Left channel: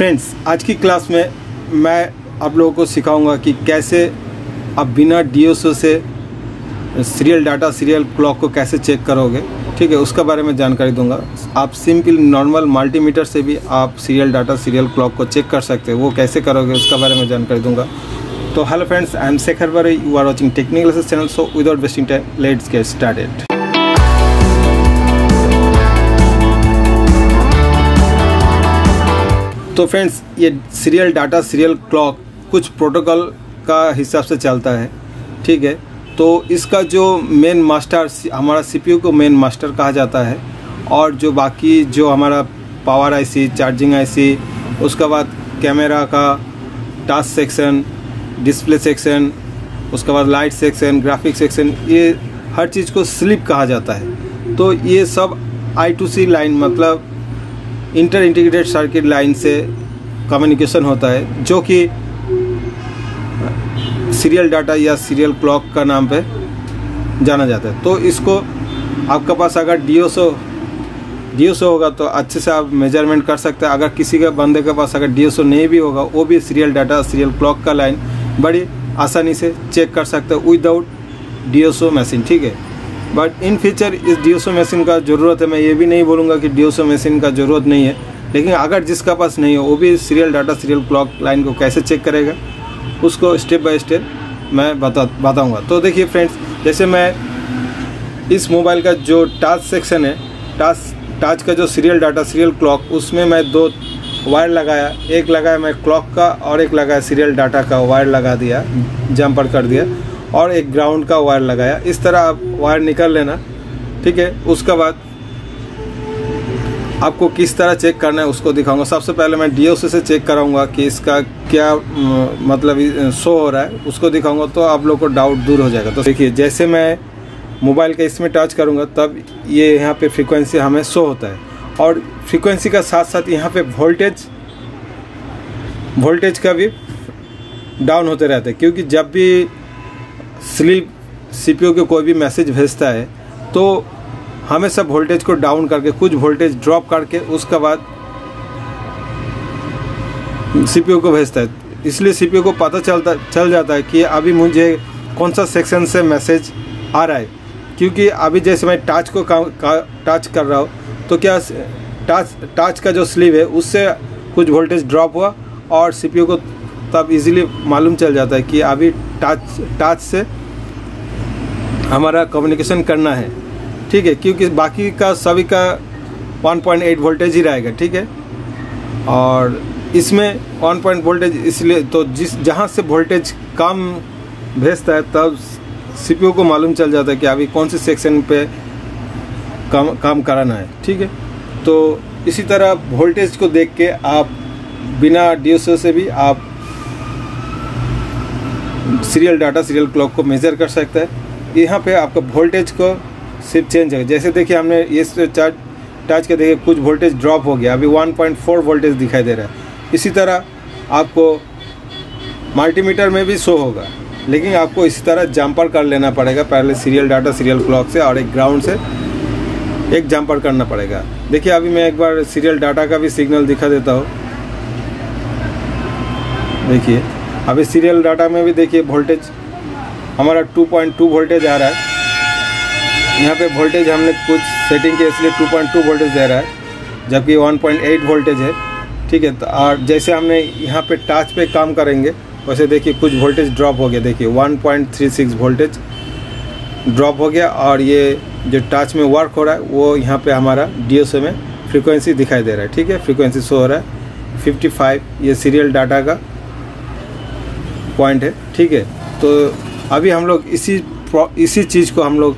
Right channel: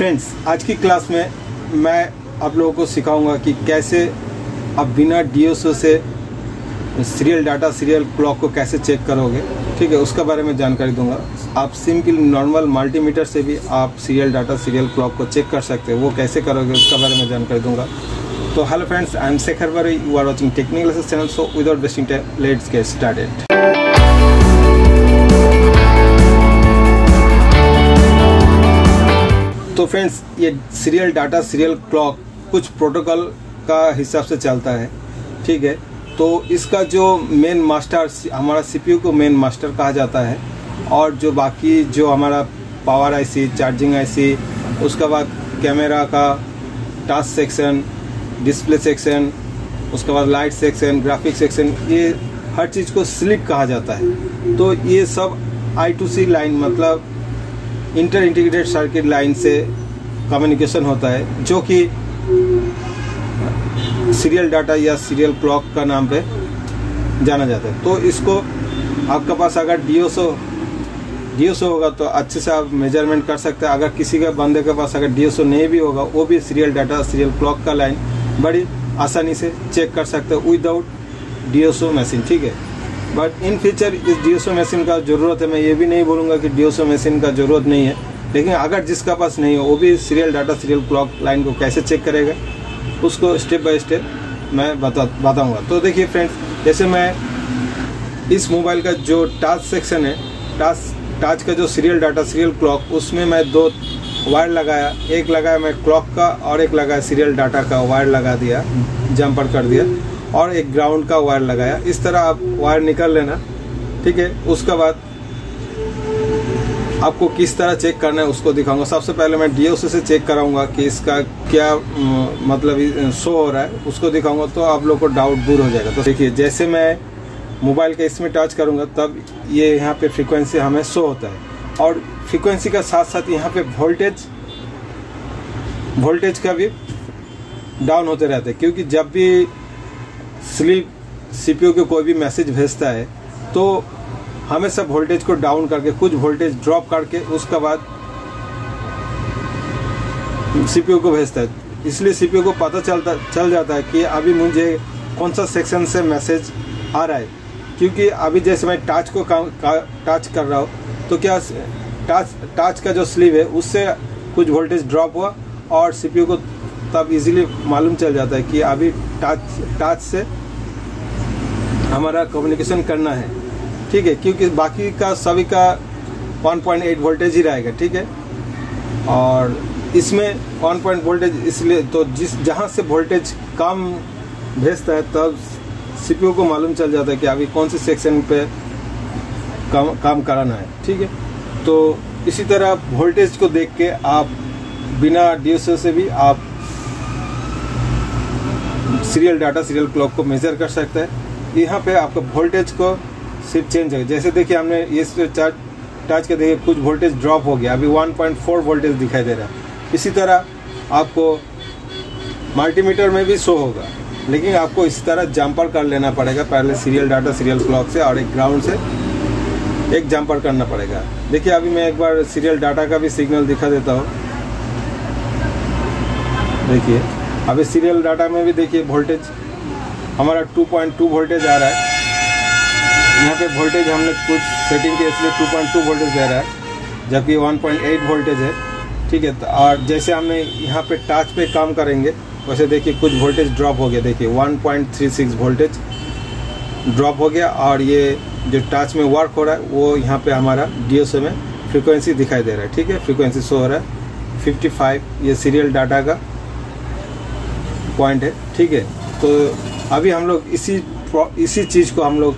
Friends, आज की class में मैं आप लोगों को सिखाऊंगा कि कैसे आप बिना डीएसओ से सीरियल डाटा सीरियल क्लॉक को कैसे चेक करोगे। ठीक है, उसका बारे में जानकारी दूंगा। आप सिंपल नॉर्मल मल्टीमीटर से भी आप सीरियल डाटा सीरियल क्लॉक को चेक कर सकते हो। वो कैसे करोगे उसका बारे में जानकारी दूंगा। तो hello friends, I am Shekhar Bari, you are watching technical classes channel. So without wasting time, let's get started. तो फ्रेंड्स, ये सीरियल डाटा सीरियल क्लॉक कुछ प्रोटोकॉल का हिसाब से चलता है। ठीक है, तो इसका जो मेन मास्टर, हमारा सीपीयू को मेन मास्टर कहा जाता है, और जो बाकी जो हमारा पावर आईसी, चार्जिंग आईसी, उसके बाद कैमरा का टास्क सेक्शन, डिस्प्ले सेक्शन, उसके बाद लाइट सेक्शन, ग्राफिक सेक्शन, ये हर चीज़ को स्लीप कहा जाता है। तो ये सब I2C लाइन, मतलब इंटर इंटीग्रेटेड सर्किट लाइन से कम्युनिकेशन होता है, जो कि सीरियल डाटा या सीरियल क्लॉक का नाम पे जाना जाता है। तो इसको आपके पास अगर डीएसओ होगा तो अच्छे से आप मेजरमेंट कर सकते हैं। अगर किसी के बंदे के पास अगर डीएसओ नहीं भी होगा, वो भी सीरियल डाटा सीरियल क्लॉक का लाइन बड़ी आसानी से चेक कर सकते हैं विदाउट डीएसओ मशीन। ठीक है, बट इन फ्यूचर इस डीएसओ मशीन का ज़रूरत है। मैं ये भी नहीं बोलूँगा कि डीएसओ मशीन का ज़रूरत नहीं है, लेकिन अगर जिसका पास नहीं है वो भी serial data serial clock line को कैसे चेक करेगा, उसको स्टेप बाय स्टेप मैं बताऊँगा। तो देखिए फ्रेंड्स, जैसे मैं इस मोबाइल का जो टच सेक्शन है, टच का जो सीरियल डाटा सीरियल क्लॉक, उसमें मैं दो वायर लगाया। एक लगाया मैं क्लॉक का और एक लगाया सीरियल डाटा का वायर लगा दिया, जंपर कर दिया, और एक ग्राउंड का वायर लगाया। इस तरह आप वायर निकाल लेना। ठीक है, उसके बाद आपको किस तरह चेक करना है उसको दिखाऊंगा। सबसे पहले मैं डीएसओ से चेक कराऊंगा कि इसका क्या मतलब शो हो रहा है, उसको दिखाऊंगा, तो आप लोग को डाउट दूर हो जाएगा। तो देखिए, जैसे मैं मोबाइल का इसमें टच करूंगा तब ये यहाँ पे फ्रीक्वेंसी हमें शो होता है, और फ्रीक्वेंसी का साथ साथ यहाँ पे वोल्टेज का भी डाउन होते रहते हैं, क्योंकि जब भी स्लीप सीपीयू को कोई भी मैसेज भेजता है तो हमेशा वोल्टेज को डाउन करके, कुछ वोल्टेज ड्रॉप करके उसके बाद सीपीयू को भेजता है। इसलिए सीपीयू को पता चल जाता है कि अभी मुझे कौन सा सेक्शन से मैसेज आ रहा है। क्योंकि अभी जैसे मैं टच को टच कर रहा हूँ, तो क्या टच का जो स्लीव है उससे कुछ वोल्टेज ड्रॉप हुआ, और सीपीयू को तब इजीली मालूम चल जाता है कि अभी टच से हमारा कम्युनिकेशन करना है। ठीक है, क्योंकि बाकी का सभी का 1.8 वोल्टेज ही रहेगा। ठीक है, और इसमें 1 वोल्टेज, इसलिए तो जहाँ से वोल्टेज कम भेजता है तब सीपीयू को मालूम चल जाता है कि अभी कौन से सेक्शन पे काम कराना है। ठीक है, तो इसी तरह वोल्टेज को देख के आप बिना डीएसओ से भी आप सीरियल डाटा सीरियल क्लॉक को मेजर कर सकते हैं। यहाँ पे आपका वोल्टेज को सिर्फ चेंज है। जैसे देखिए, हमने ये टच के देखिए कुछ वोल्टेज ड्रॉप हो गया, अभी 1.4 वोल्टेज दिखाई दे रहा है। इसी तरह आपको मल्टीमीटर में भी शो होगा, लेकिन आपको इसी तरह जंपर कर लेना पड़ेगा। पहले सीरियल डाटा सीरियल क्लॉक से और एक ग्राउंड से एक जंपर करना पड़ेगा। देखिए, अभी मैं एक बार सीरियल डाटा का भी सिग्नल दिखा देता हूँ। देखिए, अभी सीरियल डाटा में भी देखिए वोल्टेज हमारा 2.2 वोल्टेज आ रहा है। यहाँ पे वोल्टेज हमने कुछ सेटिंग के इसलिए 2.2 वोल्टेज दे रहा है, जबकि 1.8 वोल्टेज है। ठीक है, तो और जैसे हमने यहाँ पे टच पे काम करेंगे, वैसे देखिए कुछ वोल्टेज ड्रॉप हो गया। देखिए 1.36 वोल्टेज ड्रॉप हो गया, और ये जो टच में वर्क हो रहा है वो यहाँ पे हमारा डीएसओ में फ्रीक्वेंसी दिखाई दे रहा है। ठीक है, फ्रीक्वेंसी शो हो रहा है 55, ये सीरियल डाटा का पॉइंट है। ठीक है, तो अभी हम लोग इसी चीज़ को हम लोग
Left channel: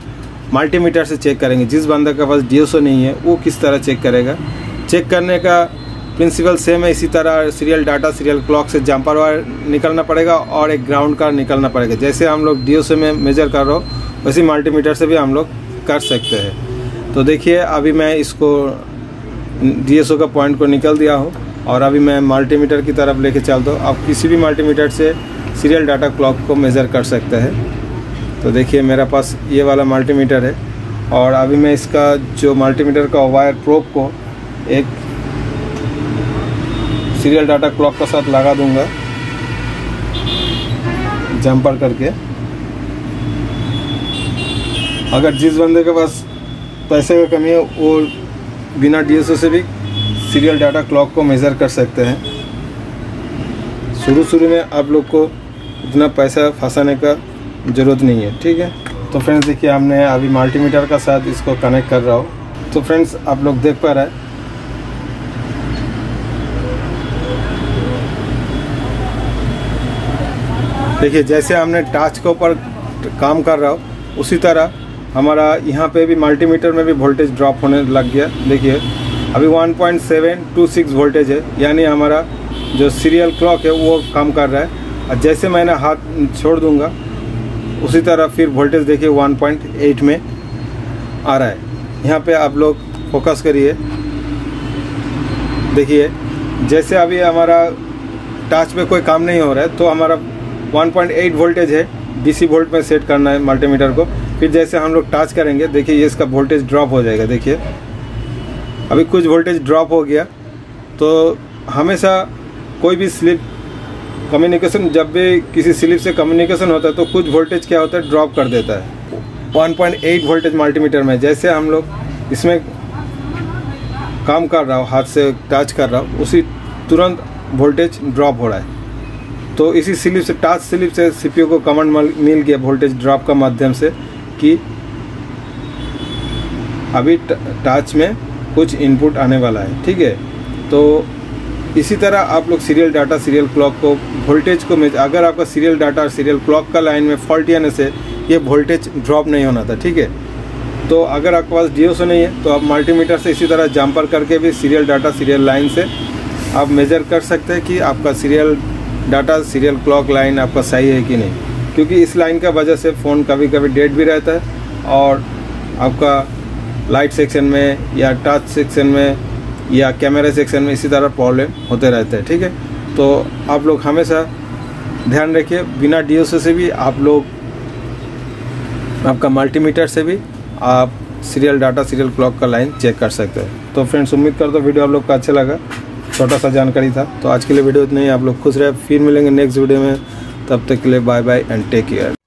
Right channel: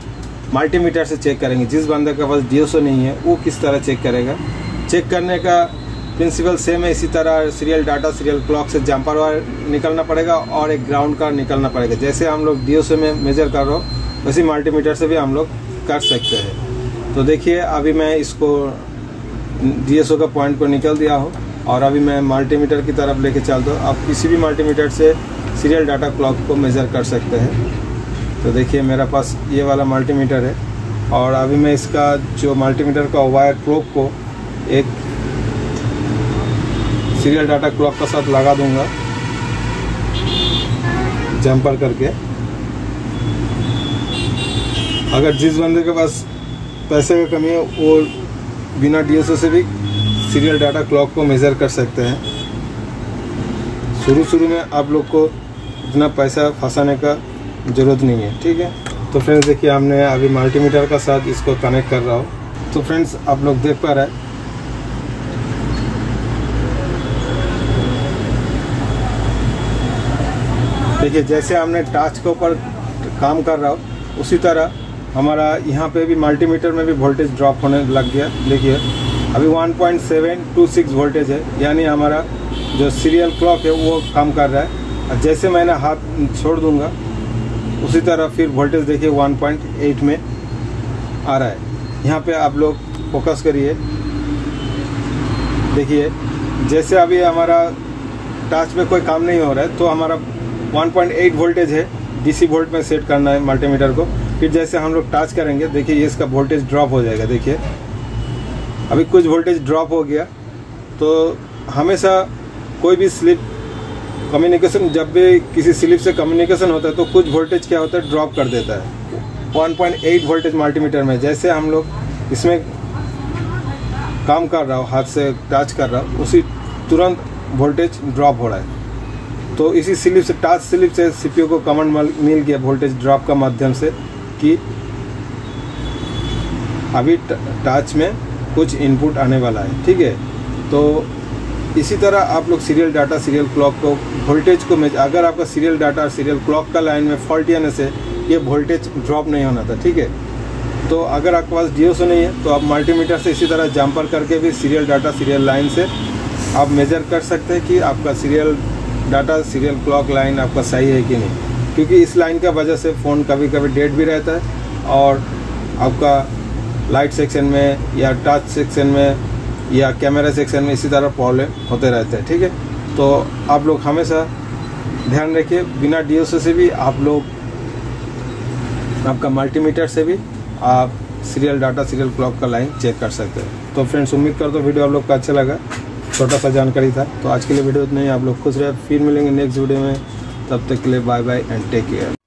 मल्टीमीटर से चेक करेंगे। जिस बंदे के पास डीएसओ नहीं है वो किस तरह चेक करेगा। चेक करने का प्रिंसिपल सेम है। इसी तरह सीरियल डाटा सीरियल क्लॉक से जंपर वायर निकलना पड़ेगा और एक ग्राउंड का निकलना पड़ेगा। जैसे हम लोग डीएसओ में मेजर कर रहे हो, वैसे मल्टीमीटर से भी हम लोग कर सकते हैं। तो देखिए, अभी मैं इसको डीएसओ का पॉइंट को निकल दिया हूँ, और अभी मैं मल्टीमीटर की तरफ लेके चलता हूँ। आप किसी भी मल्टीमीटर से सीरियल डाटा क्लॉक को मेज़र कर सकते हैं। तो देखिए, मेरा पास ये वाला मल्टीमीटर है, और अभी मैं इसका जो मल्टीमीटर का वायर प्रोब को एक सीरियल डाटा क्लॉक के साथ लगा दूंगा जंपर करके। अगर जिस बंदे के पास पैसे का कमी है वो बिना DSO से भी सीरियल डाटा क्लॉक को मेज़र कर सकते हैं। शुरू में आप लोग को इतना पैसा फंसाने का ज़रूरत नहीं है, ठीक है। तो फ्रेंड्स देखिए, हमने अभी मल्टीमीटर का साथ इसको कनेक्ट कर रहा हूँ। तो फ्रेंड्स आप लोग देख पा रहे हैं, देखिए जैसे हमने टच के ऊपर काम कर रहा हूँ उसी तरह हमारा यहाँ पे भी मल्टीमीटर में भी वोल्टेज ड्रॉप होने लग गया। देखिए अभी 1.726 वोल्टेज है, यानी हमारा जो सीरियल क्लॉक है वो काम कर रहा है। और जैसे मैंने हाथ छोड़ दूंगा उसी तरह फिर वोल्टेज देखिए 1.8 में आ रहा है। यहाँ पे आप लोग फोकस करिए, देखिए जैसे अभी हमारा टच में कोई काम नहीं हो रहा है तो हमारा 1.8 वोल्टेज है, DC वोल्ट में सेट करना है मल्टीमीटर को। फिर जैसे हम लोग टच करेंगे देखिए ये इसका वोल्टेज ड्रॉप हो जाएगा। देखिए अभी कुछ वोल्टेज ड्रॉप हो गया। तो हमेशा कोई भी स्लिप कम्युनिकेशन, जब भी किसी स्लिप से कम्युनिकेशन होता है तो कुछ वोल्टेज क्या होता है, ड्रॉप कर देता है। 1.8 वोल्टेज मल्टीमीटर में जैसे हम लोग इसमें काम कर रहा हूँ, हाथ से टच कर रहा हूँ, उसी तुरंत वोल्टेज ड्रॉप हो रहा है। तो इसी स्लिप से, टच स्लिप से CPU को कमांड मिल गया वोल्टेज ड्रॉप का माध्यम से कि अभी टच में कुछ इनपुट आने वाला है, ठीक है। तो इसी तरह आप लोग सीरियल डाटा, सीरियल क्लॉक को वोल्टेज को अगर आपका सीरियल डाटा और सीरियल क्लॉक का लाइन में फॉल्टी आने से ये वोल्टेज ड्रॉप नहीं होना था, ठीक है। तो अगर आपके पास DSO नहीं है तो आप मल्टीमीटर से इसी तरह जंपर करके भी सीरियल डाटा, सीरियल लाइन से आप मेजर कर सकते हैं कि आपका serial data, serial clock line आपका सही है कि नहीं। क्योंकि इस लाइन का वजह से फ़ोन कभी कभी डेड भी रहता है और आपका लाइट सेक्शन में या टच सेक्शन में या कैमरा सेक्शन में इसी तरह प्रॉब्लम होते रहते हैं, ठीक है। तो आप लोग हमेशा ध्यान रखिए, बिना DSO से भी आप लोग, आपका मल्टीमीटर से भी आप सीरियल डाटा, सीरियल क्लॉक का लाइन चेक कर सकते हैं। तो फ्रेंड्स उम्मीद करता हूँ वीडियो आप लोग का अच्छा लगा, छोटा सा जानकारी था। तो आज के लिए वीडियो इतना ही, आप लोग खुश रहे, फिर मिलेंगे नेक्स्ट वीडियो में। तब तक के लिए bye bye and take care.